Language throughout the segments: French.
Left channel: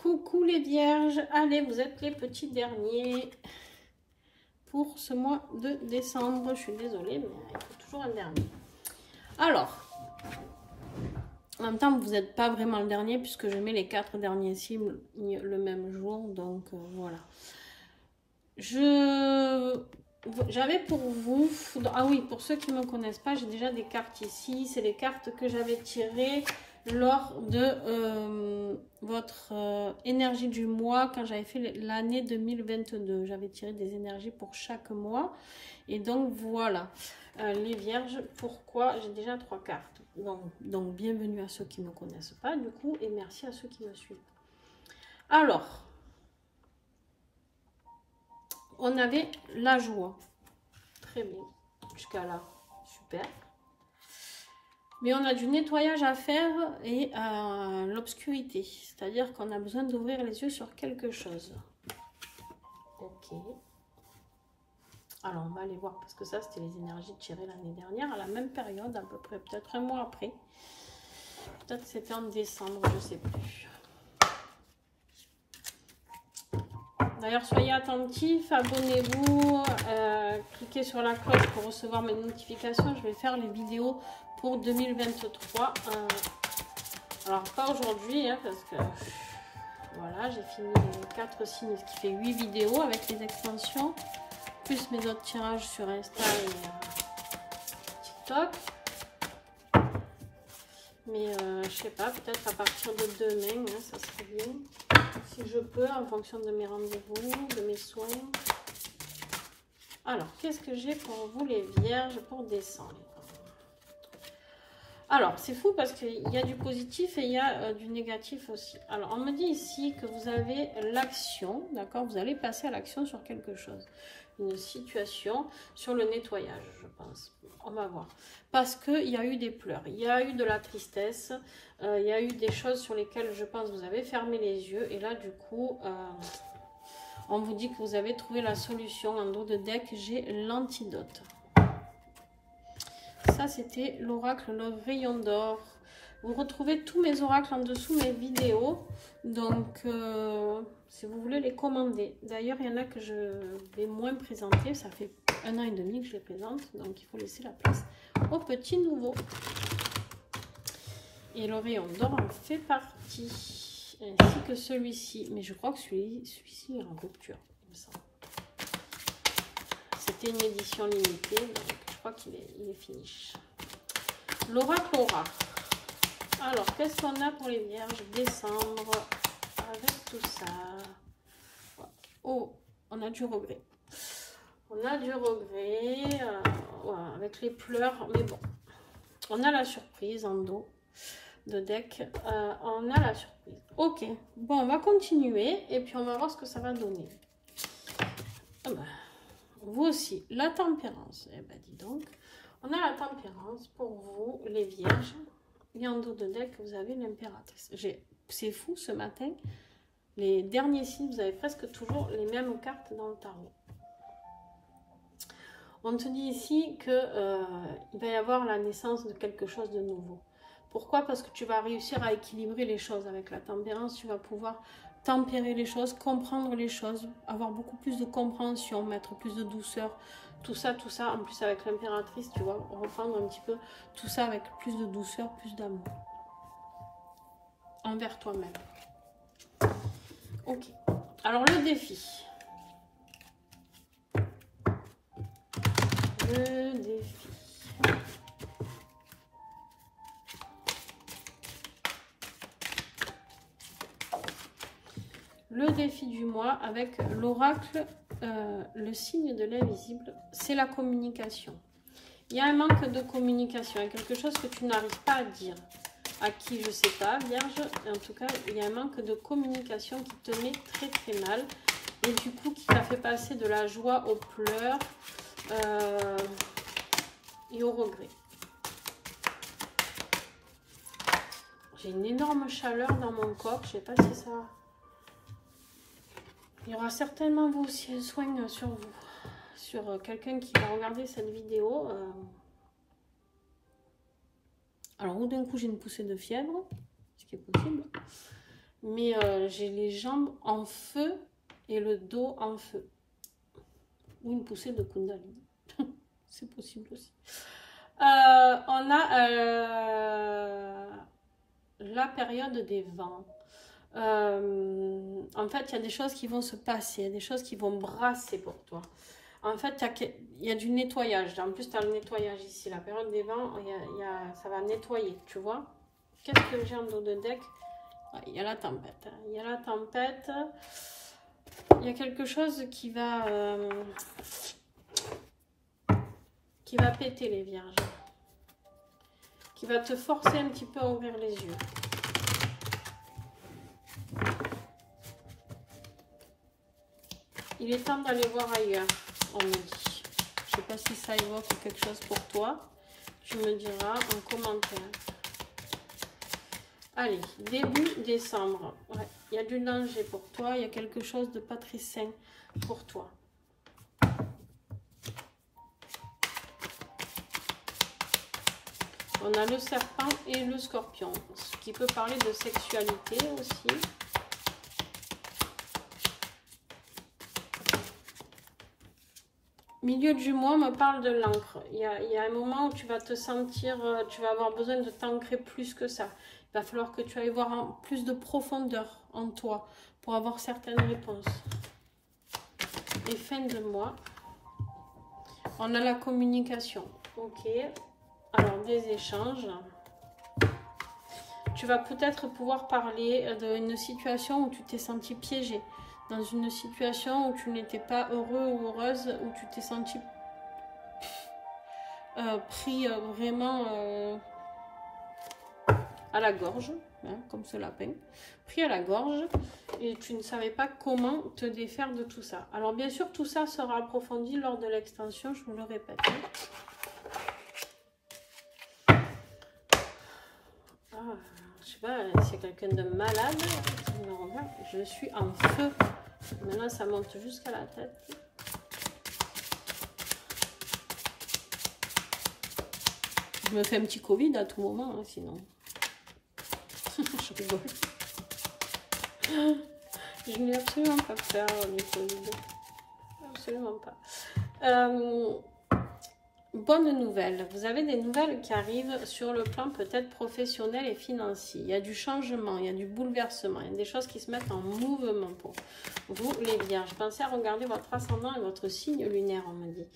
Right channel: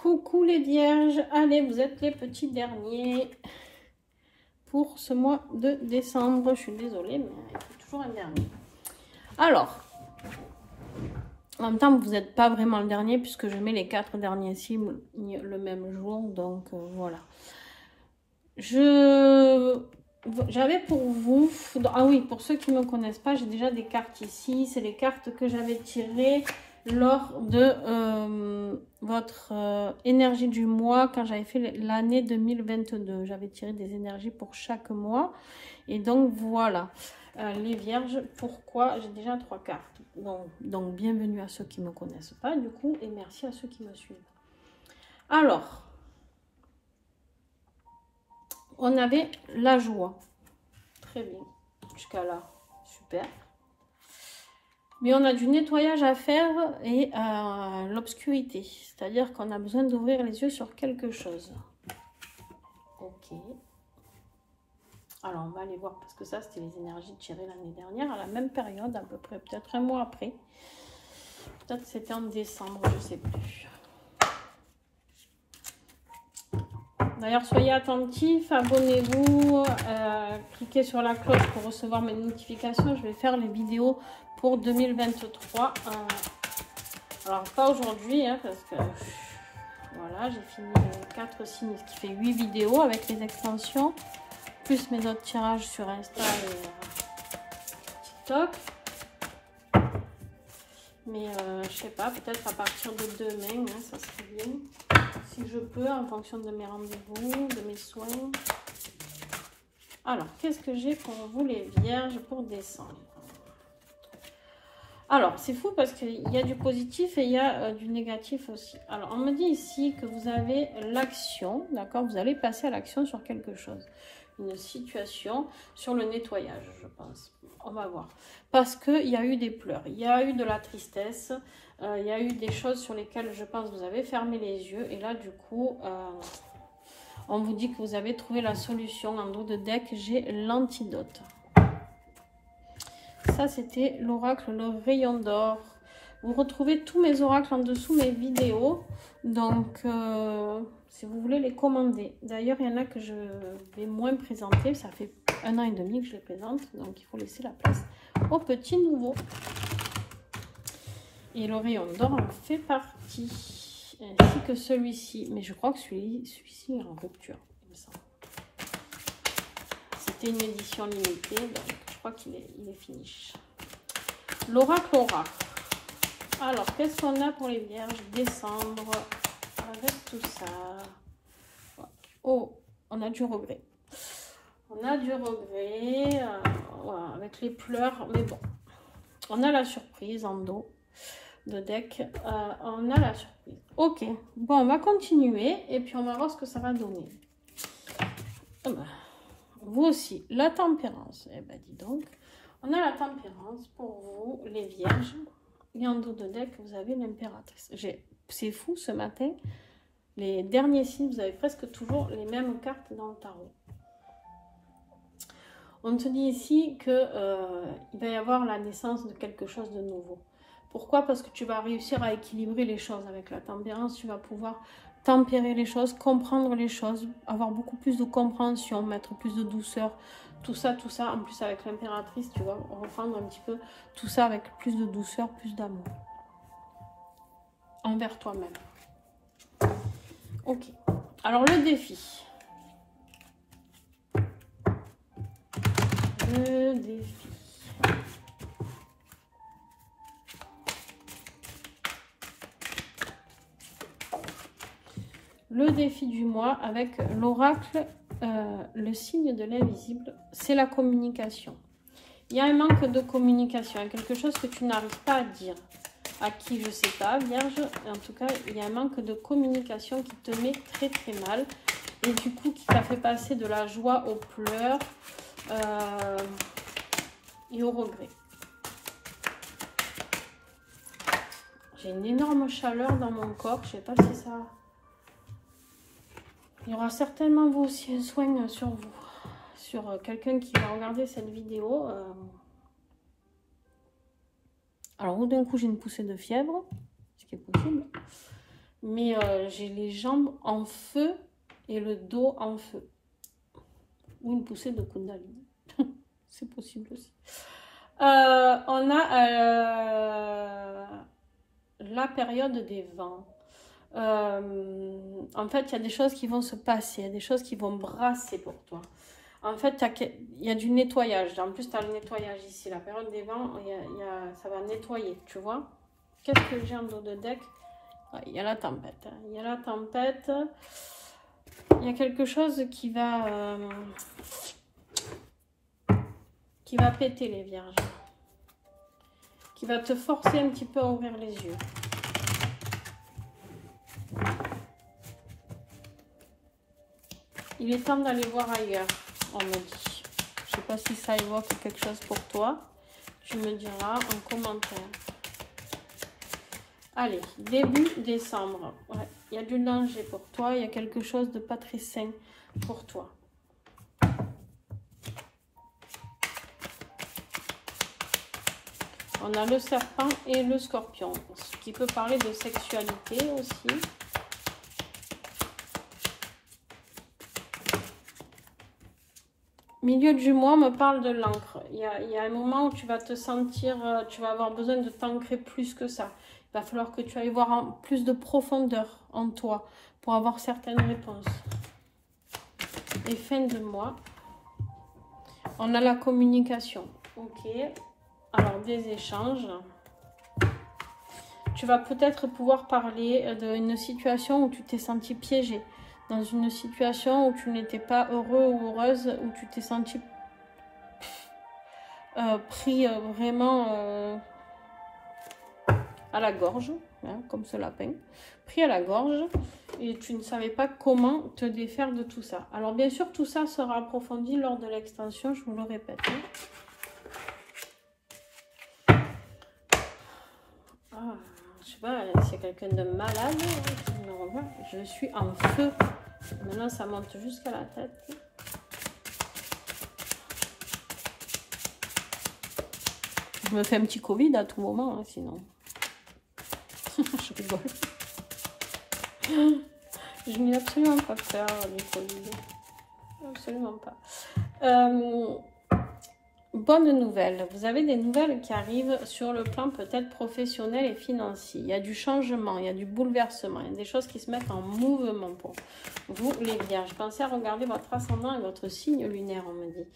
Coucou les vierges, allez, vous êtes les petits derniers pour ce mois de décembre. Je suis désolée, mais il faut toujours un dernier. Alors, en même temps, vous n'êtes pas vraiment le dernier puisque je mets les 4 derniers signes le même jour. Donc, voilà. J'avais pour vous... Ah oui, pour ceux qui ne me connaissent pas, j'ai déjà des cartes ici. C'est les cartes que j'avais tirées lors de votre énergie du mois quand j'avais fait l'année 2022. J'avais tiré des énergies pour chaque mois. Et donc, voilà. Les vierges, pourquoi? J'ai déjà 3 cartes. Donc, bienvenue à ceux qui ne me connaissent pas, du coup. Et merci à ceux qui me suivent. Alors... On avait la joie. Très bien. Jusqu'à là. Super. Mais on a du nettoyage à faire et l'obscurité. C'est-à-dire qu'on a besoin d'ouvrir les yeux sur quelque chose. Ok. Alors, on va aller voir parce que ça, c'était les énergies tirées l'année dernière à la même période, à peu près, peut-être un mois après. Peut-être c'était en décembre, je ne sais plus. D'ailleurs, soyez attentifs, abonnez-vous, cliquez sur la cloche pour recevoir mes notifications. Je vais faire les vidéos pour 2023. Alors, pas aujourd'hui, hein, parce que voilà, j'ai fini les 4 signes, ce qui fait 8 vidéos avec les extensions, plus mes autres tirages sur Insta et TikTok. Mais je sais pas, peut-être à partir de demain, hein, ça serait bien. Si je peux, en fonction de mes rendez-vous, de mes soins. Alors, qu'est-ce que j'ai pour vous les vierges pour décembre? Alors, c'est fou parce qu'il y a du positif et il y a du négatif aussi. Alors, on me dit ici que vous avez l'action, d'accord? Vous allez passer à l'action sur quelque chose. Une situation sur le nettoyage, je pense. On va voir. Parce qu'il y a eu des pleurs, il y a eu de la tristesse, il y a eu des choses sur lesquelles je pense que vous avez fermé les yeux. Et là, du coup, on vous dit que vous avez trouvé la solution. En dos de deck, j'ai l'antidote. Ça, c'était l'oracle, le rayon d'or. Vous retrouvez tous mes oracles en dessous mes vidéos. Donc, si vous voulez les commander. D'ailleurs, il y en a que je vais moins présenter. Ça fait 1 an et demi que je les présente. Donc, il faut laisser la place aux petits nouveaux. Et le rayon d'or en fait partie. Ainsi que celui-ci. Mais je crois que celui-ci est en rupture, il me semble. C'était une édition limitée. Donc, je crois qu'il est fini. L'oracle aura. Alors, qu'est-ce qu'on a pour les vierges décembre avec tout ça? Oh, on a du regret. On a du regret. Voilà, avec les pleurs. Mais bon, on a la surprise en dos de deck. On a la surprise. Ok, bon, on va continuer et puis on va voir ce que ça va donner. Oh ben, vous aussi, la tempérance. Eh ben, dis donc. On a la tempérance pour vous, les vierges. Et en dos de deck, vous avez l'impératrice. C'est fou ce matin. Les derniers signes, vous avez presque toujours les mêmes cartes dans le tarot. On te dit ici qu'il va y avoir la naissance de quelque chose de nouveau. Pourquoi? Parce que tu vas réussir à équilibrer les choses avec la tempérance. Tu vas pouvoir tempérer les choses, comprendre les choses, avoir beaucoup plus de compréhension, mettre plus de douceur. Tout ça, en plus avec l'impératrice, tu vas reprendre un petit peu tout ça avec plus de douceur, plus d'amour envers toi-même. Ok, alors le défi. Le défi. Le défi du mois avec l'oracle, le signe de l'invisible, c'est la communication. Il y a un manque de communication, il y a quelque chose que tu n'arrives pas à dire. À qui, je ne sais pas, vierge. En tout cas, il y a un manque de communication qui te met très très mal. Et du coup, qui t'a fait passer de la joie aux pleurs et au regret. J'ai une énorme chaleur dans mon corps. Je ne sais pas si ça va. Il y aura certainement vous aussi un soin sur vous. Sur quelqu'un qui va regarder cette vidéo. Alors, d'un coup, j'ai une poussée de fièvre. Ce qui est possible. mais j'ai les jambes en feu et le dos en feu. Ou une poussée de Kundalini. C'est possible aussi. On a la période des vents. En fait, il y a des choses qui vont se passer, il y a des choses qui vont brasser pour toi. En fait, il y a du nettoyage. En plus, tu as le nettoyage ici. La période des vents, ça va nettoyer, tu vois. Qu'est-ce que j'ai en dos de deck? Il y a la tempête. Il y a la tempête. Il y a quelque chose qui va péter les vierges. Qui va te forcer un petit peu à ouvrir les yeux. Il est temps d'aller voir ailleurs, on me dit. Je ne sais pas si ça évoque quelque chose pour toi. Tu me diras en commentaire. Allez, début décembre. Ouais, il y a du danger pour toi. Il y a quelque chose de pas très sain pour toi. On a le serpent et le scorpion. Ce qui peut parler de sexualité aussi. Milieu du mois me parle de l'encre. Il y a un moment où tu vas te sentir, tu vas avoir besoin de t'ancrer plus que ça. Il va falloir que tu ailles voir plus de profondeur en toi pour avoir certaines réponses. Et fin de mois, on a la communication. Ok. Alors, des échanges. Tu vas peut-être pouvoir parler d'une situation où tu t'es senti piégé. Dans une situation où tu n'étais pas heureux ou heureuse, où tu t'es senti pris vraiment à la gorge, hein, comme ce lapin, pris à la gorge, et tu ne savais pas comment te défaire de tout ça. Alors bien sûr, tout ça sera approfondi lors de l'extension, je vous le répète. Hein. Ah, je sais pas, c'est quelqu'un de malade, hein, je suis en feu. Maintenant, ça monte jusqu'à la tête. Je me fais un petit Covid à tout moment, hein, sinon. Je rigole. Je n'ai absolument pas peur du Covid. Absolument pas. Bonne nouvelle. Vous avez des nouvelles qui arrivent sur le plan peut-être professionnel et financier. Il y a du changement, il y a du bouleversement. Il y a des choses qui se mettent en mouvement pour vous, les vierges. Pensez à regarder votre ascendant et votre signe lunaire, on me dit.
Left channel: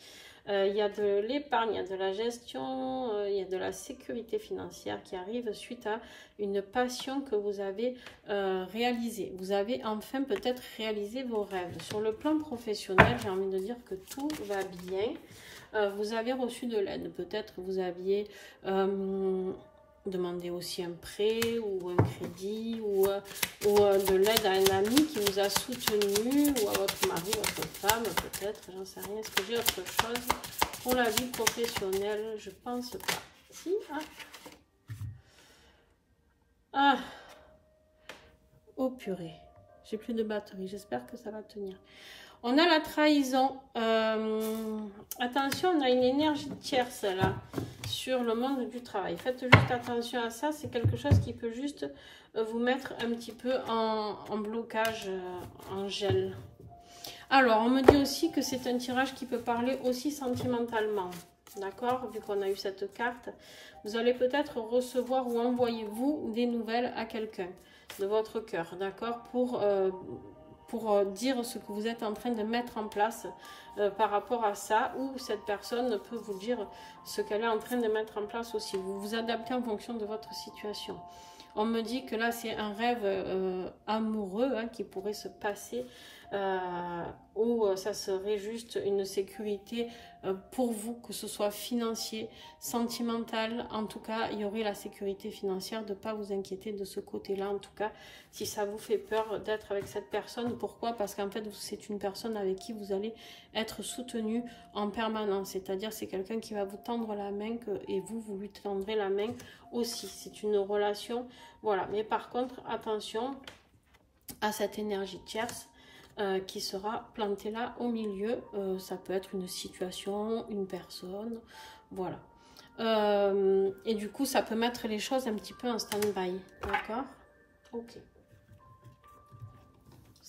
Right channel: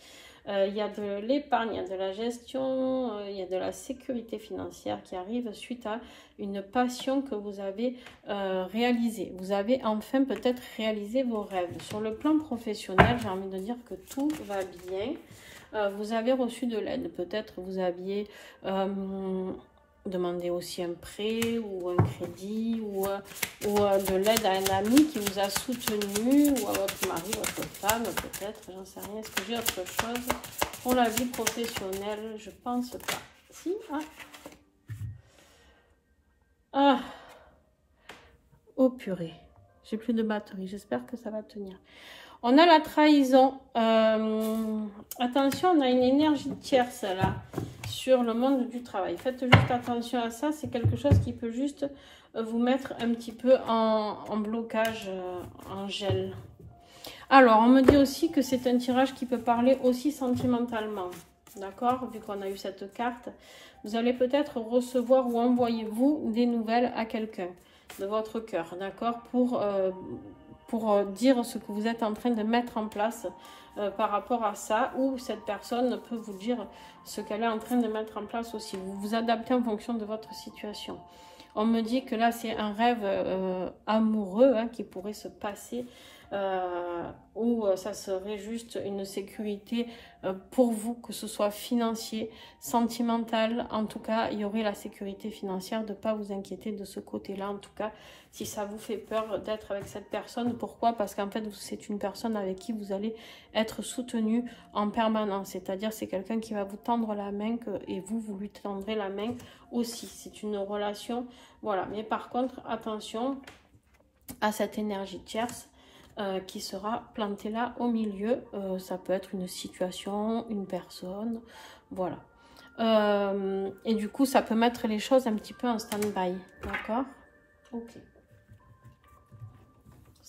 Il y a de l'épargne, il y a de la gestion, il y a de la sécurité financière qui arrive suite à une passion que vous avez réalisée. Vous avez enfin peut-être réalisé vos rêves. Sur le plan professionnel, j'ai envie de dire que tout va bien. Vous avez reçu de l'aide. Peut-être vous aviez demandé aussi un prêt ou un crédit ou de l'aide à un ami qui vous a soutenu ou à votre mari, votre femme peut-être, j'en sais rien. Est-ce que j'ai autre chose pour la vie professionnelle? Je pense pas. Si, hein. Ah. Oh purée, j'ai plus de batterie, j'espère que ça va tenir. On a la trahison. Attention, on a une énergie tierce là sur le monde du travail. Faites juste attention à ça. C'est quelque chose qui peut juste vous mettre un petit peu en blocage, en gel. Alors, on me dit aussi que c'est un tirage qui peut parler aussi sentimentalement. D'accord? Vu qu'on a eu cette carte, vous allez peut-être recevoir ou envoyer vous des nouvelles à quelqu'un de votre cœur. D'accord? Pour dire ce que vous êtes en train de mettre en place par rapport à ça, ou cette personne peut vous dire ce qu'elle est en train de mettre en place aussi. Vous vous adaptez en fonction de votre situation. On me dit que là, c'est un rêve amoureux hein, qui pourrait se passer, où ça serait juste une sécurité pour vous, que ce soit financier, sentimental. En tout cas, il y aurait la sécurité financière de ne pas vous inquiéter de ce côté-là. En tout cas, si ça vous fait peur d'être avec cette personne, pourquoi? Parce qu'en fait, c'est une personne avec qui vous allez être soutenu en permanence. C'est-à-dire, c'est quelqu'un qui va vous tendre la main et vous lui tendrez la main aussi. C'est une relation, voilà. Mais par contre, attention à cette énergie tierce qui sera plantée là au milieu. Ça peut être une situation, une personne, voilà. Et du coup, ça peut mettre les choses un petit peu en stand-by, d'accord? Ok.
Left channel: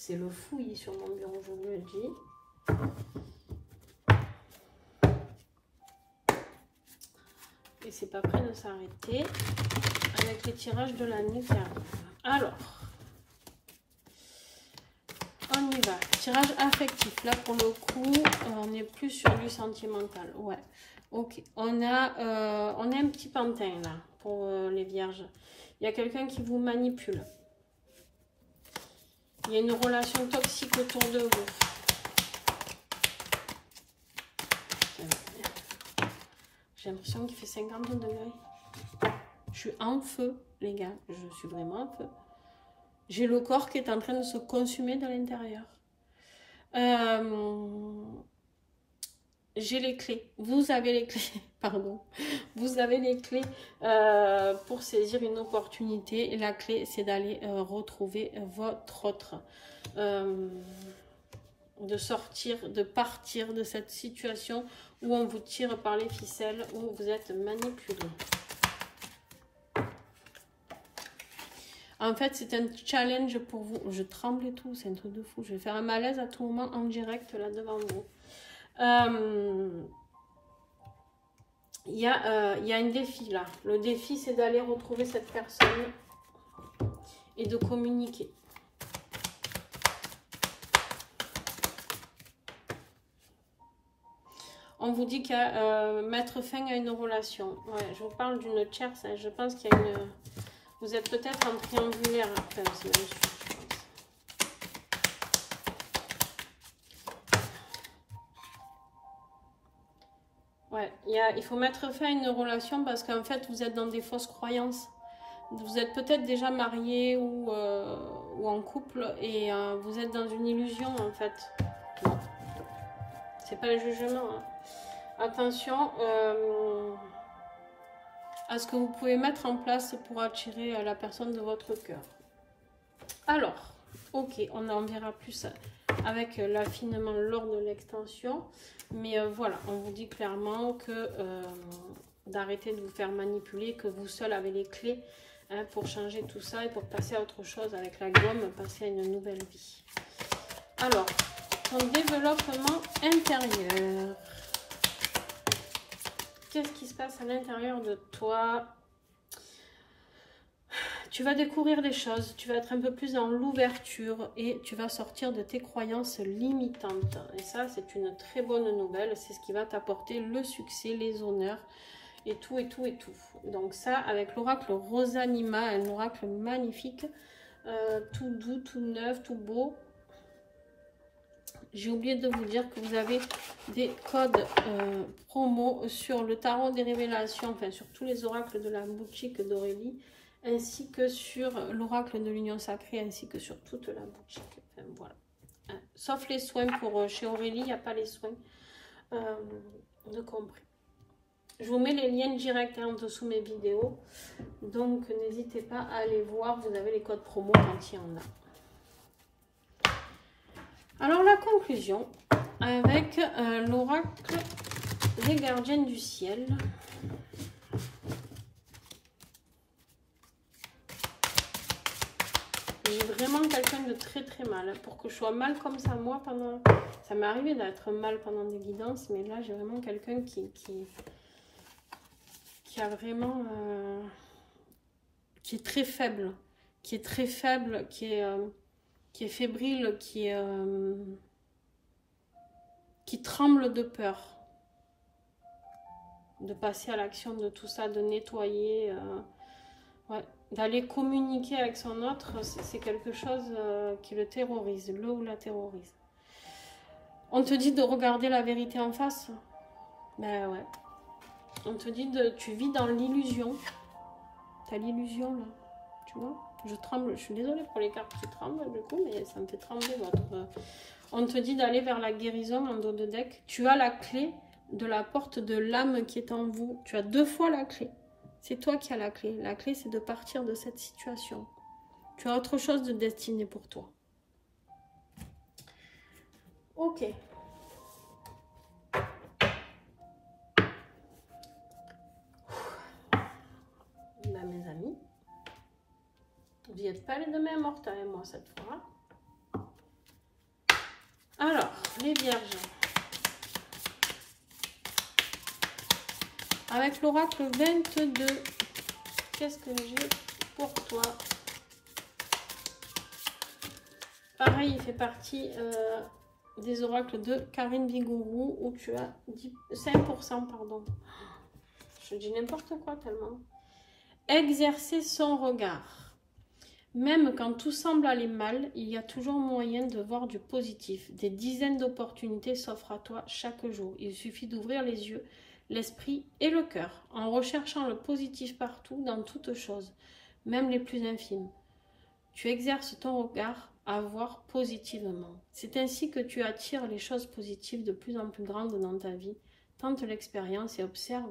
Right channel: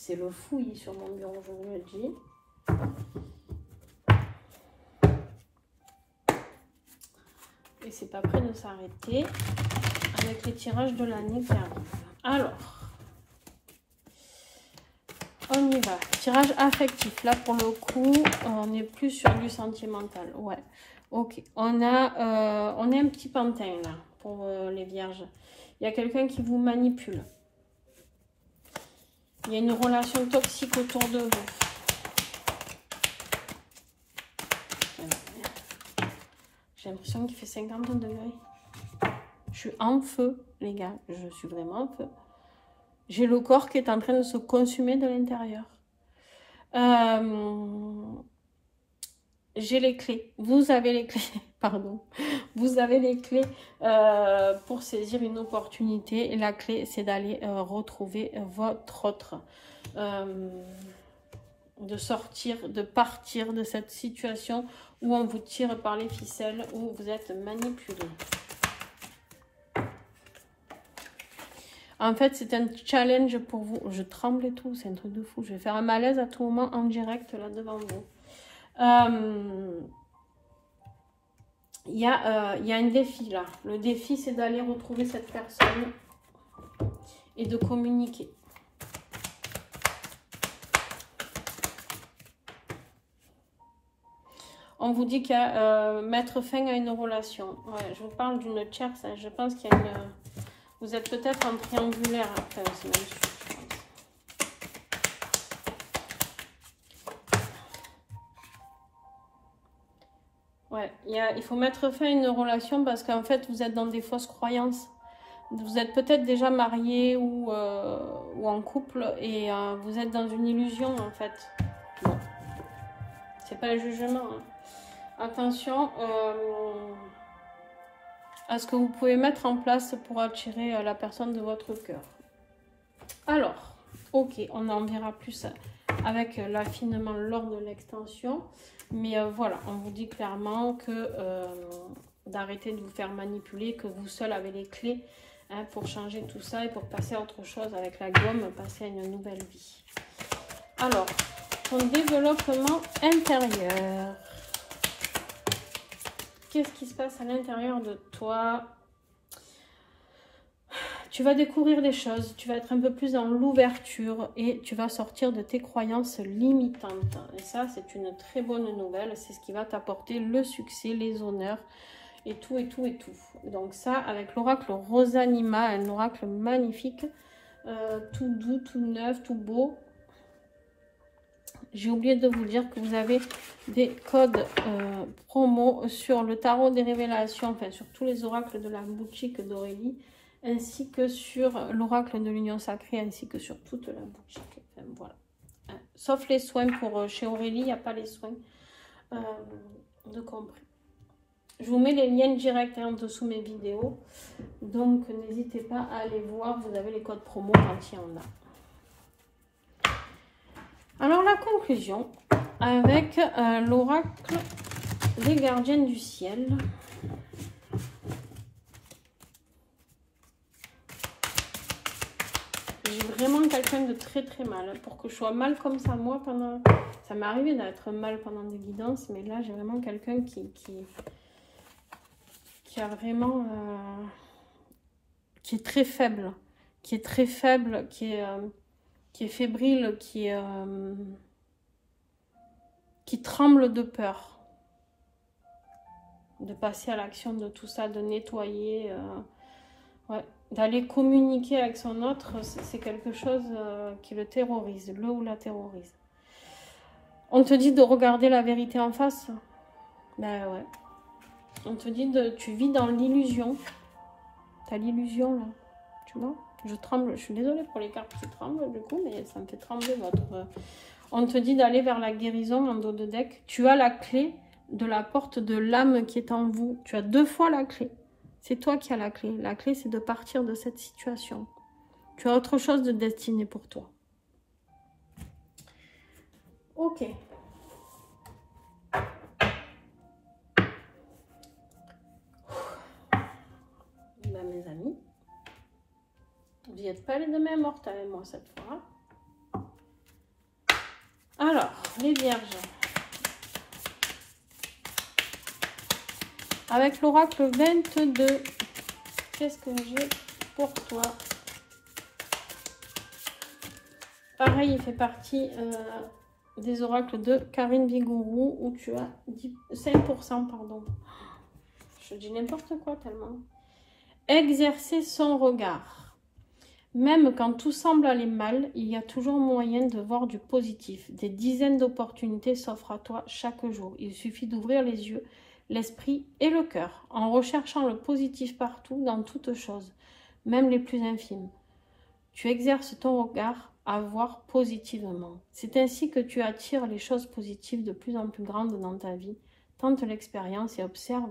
C'est le fouillis sur mon bureau, je vous le dis. Et c'est pas prêt de s'arrêter avec les tirages de l'année qui arrivent. Alors, on y va. Tirage affectif. Là, pour le coup, on est plus sur du sentimental. Ouais. Ok. On a un petit pantin, là, pour les vierges. Il y a quelqu'un qui vous manipule. Il y a une relation toxique autour de vous. J'ai l'impression qu'il fait 50 degrés. Je suis en feu, les gars. Je suis vraiment en feu. J'ai le corps qui est en train de se consumer de l'intérieur. J'ai les clés. Vous avez les clés. Pardon. Vous avez les clés pour saisir une opportunité. Et la clé, c'est d'aller retrouver votre autre. De sortir, de partir de cette situation où on vous tire par les ficelles, où vous êtes manipulé. En fait, c'est un challenge pour vous. Je tremble et tout, c'est un truc de fou. Je vais faire un malaise à tout moment en direct là devant vous. Il y a un défi là. Le défi, c'est d'aller retrouver cette personne et de communiquer. On vous dit qu'il y a mettre fin à une relation. Ouais, je vous parle d'une tierce. Hein. Je pense qu'il y a une... Vous êtes peut-être en triangulaire. Enfin, c'est même sûr, je pense. Ouais, il faut mettre fin à une relation parce qu'en fait, vous êtes dans des fausses croyances. Vous êtes peut-être déjà marié ou en couple et vous êtes dans une illusion en fait. Bon. C'est pas un jugement. Hein. Attention à ce que vous pouvez mettre en place pour attirer la personne de votre cœur. Alors, ok, on en dira plus avec l'affinement lors de l'extension. Mais voilà, on vous dit clairement que d'arrêter de vous faire manipuler, que vous seul avez les clés hein, pour changer tout ça et pour passer à autre chose avec la gomme, passer à une nouvelle vie. Alors, ton développement intérieur. Qu'est-ce qui se passe à l'intérieur de toi? Tu vas découvrir des choses, tu vas être un peu plus dans l'ouverture et tu vas sortir de tes croyances limitantes. Et ça, c'est une très bonne nouvelle. C'est ce qui va t'apporter le succès, les honneurs et tout, et tout, et tout. Donc ça, avec l'oracle Rosanima, un oracle magnifique, tout doux, tout neuf, tout beau. J'ai oublié de vous dire que vous avez des codes promo sur le tarot des révélations, enfin sur tous les oracles de la boutique d'Aurélie, ainsi que sur l'oracle de l'union sacrée, ainsi que sur toute la boutique. Enfin, voilà. Sauf les soins pour chez Aurélie, il n'y a pas les soins de compris. Je vous mets les liens directs en dessous mes vidéos, donc n'hésitez pas à aller voir, vous avez les codes promo quand il y en a. Alors la conclusion avec l'oracle des gardiennes du ciel. J'ai vraiment quelqu'un de très très mal. Pour que je sois mal comme ça, moi, pendant... Ça m'est arrivé d'être mal pendant des guidances, mais là j'ai vraiment quelqu'un qui a vraiment... qui est très faible. Qui est fébrile, qui tremble de peur de passer à l'action de tout ça, de nettoyer, ouais, d'aller communiquer avec son autre, c'est quelque chose qui le terrorise, le ou la terrorise. On te dit de regarder la vérité en face, ben ouais, on te dit de, tu vis dans l'illusion, t'as l'illusion là, tu vois. Je tremble, je suis désolée pour les cartes qui tremblent du coup, mais ça me fait trembler votre... On te dit d'aller vers la guérison en dos de deck. Tu as la clé de la porte de l'âme qui est en vous. Tu as 2 fois la clé. C'est toi qui as la clé. La clé, c'est de partir de cette situation. Tu as autre chose de destiné pour toi. Ok. Ben, mes amis. Vous n'êtes pas les deux mains mortes avec moi cette fois. Alors, les vierges. Avec l'oracle 22, qu'est-ce que j'ai pour toi? Pareil, il fait partie des oracles de Karine Vigourou où tu as 5%, pardon. Je dis n'importe quoi tellement. Exercer son regard. Même quand tout semble aller mal, il y a toujours moyen de voir du positif. Des dizaines d'opportunités s'offrent à toi chaque jour. Il suffit d'ouvrir les yeux, l'esprit et le cœur, en recherchant le positif partout, dans toutes choses, même les plus infimes. Tu exerces ton regard à voir positivement. C'est ainsi que tu attires les choses positives de plus en plus grandes dans ta vie. Tente l'expérience et observe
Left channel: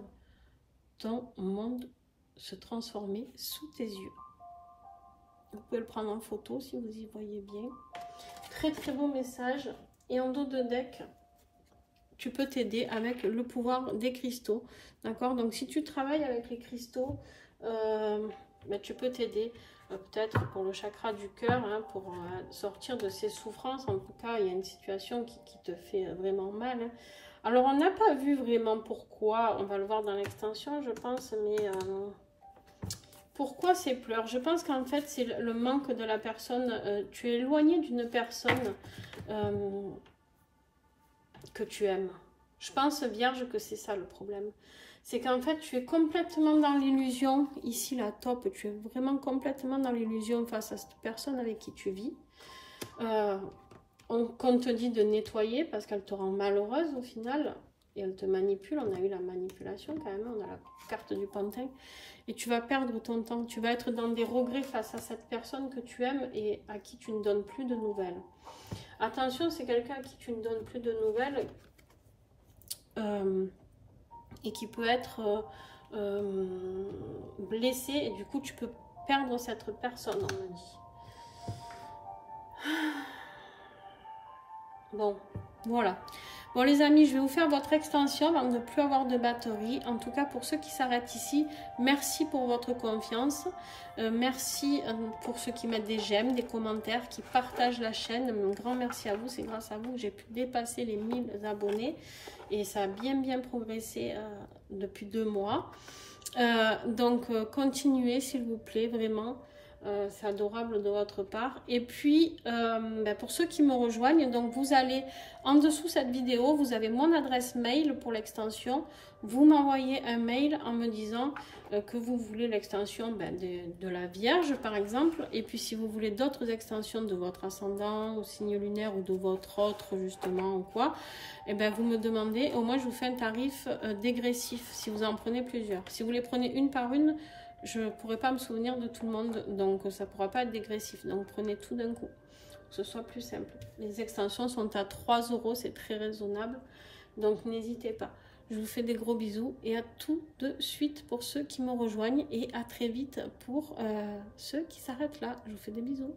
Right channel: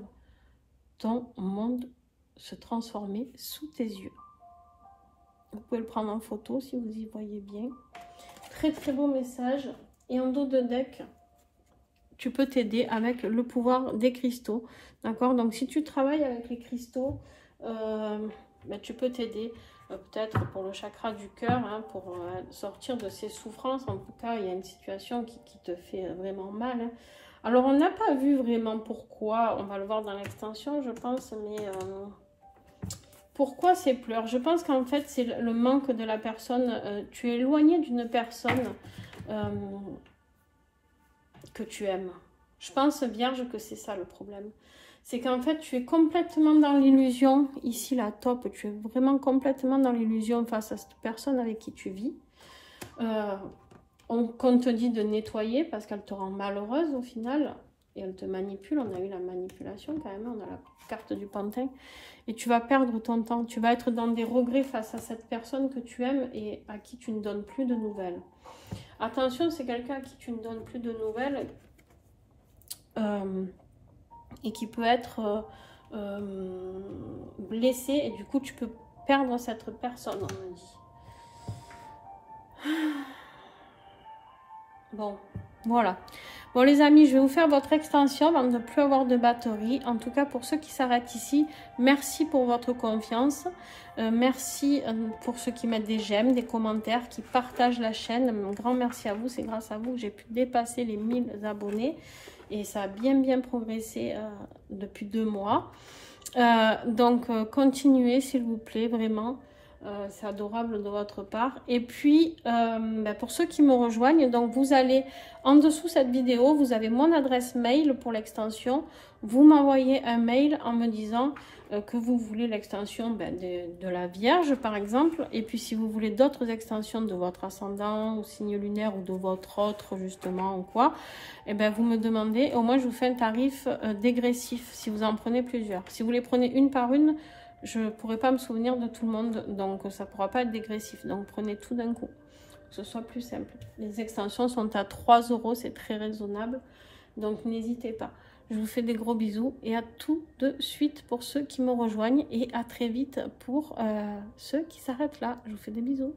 ton monde se transformer sous tes yeux. Vous pouvez le prendre en photo si vous y voyez bien. Très très beau message. Et en dos de deck, tu peux t'aider avec le pouvoir des cristaux. D'accord? Donc si tu travailles avec les cristaux, tu peux t'aider. Peut-être pour le chakra du cœur, hein, pour sortir de ces souffrances. En tout cas, il y a une situation qui te fait vraiment mal. Hein. Alors, on n'a pas vu vraiment pourquoi. On va le voir dans l'extension, je pense. Mais pourquoi ces pleurs? Je pense qu'en fait, c'est le manque de la personne. Tu es éloigné d'une personne que tu aimes. Je pense, Vierge, que c'est ça le problème. C'est qu'en fait, tu es complètement dans l'illusion. Ici, la top, tu es vraiment complètement dans l'illusion face à cette personne avec qui tu vis. Qu'on te dit de nettoyer parce qu'elle te rend malheureuse au final. Et elle te manipule. On a eu la manipulation quand même. On a la carte du pantin. Et tu vas perdre ton temps. Tu vas être dans des regrets face à cette personne que tu aimes et à qui tu ne donnes plus de nouvelles. Attention, c'est quelqu'un à qui tu ne donnes plus de nouvelles. Et qui peut être blessé et du coup tu peux perdre cette personne, on me dit. Bon, voilà. Bon les amis, je vais vous faire votre extension avant de ne plus avoir de batterie. En tout cas pour ceux qui s'arrêtent ici, merci pour votre confiance. Merci pour ceux qui mettent des j'aime, des commentaires, qui partagent la chaîne. Un grand merci à vous, c'est grâce à vous que j'ai pu dépasser les 1000 abonnés. Et ça a bien progressé depuis 2 mois. Donc, continuez s'il vous plaît, vraiment. C'est adorable de votre part. Et puis, pour ceux qui me rejoignent, donc vous allez en dessous de cette vidéo, vous avez mon adresse mail pour l'extension. Vous m'envoyez un mail en me disant que vous voulez l'extension de la Vierge, par exemple. Et puis, si vous voulez d'autres extensions de votre ascendant, ou signe lunaire, ou de votre autre, justement, ou quoi, et vous me demandez. Au moins, je vous fais un tarif dégressif si vous en prenez plusieurs. Si vous les prenez une par une, je ne pourrai pas me souvenir de tout le monde, donc ça ne pourra pas être dégressif. Donc prenez tout d'un coup, pour que ce soit plus simple. Les extensions sont à 3 €, c'est très raisonnable, donc n'hésitez pas. Je vous fais des gros bisous et à tout de suite pour ceux qui me rejoignent et à très vite pour ceux qui s'arrêtent là. Je vous fais des bisous.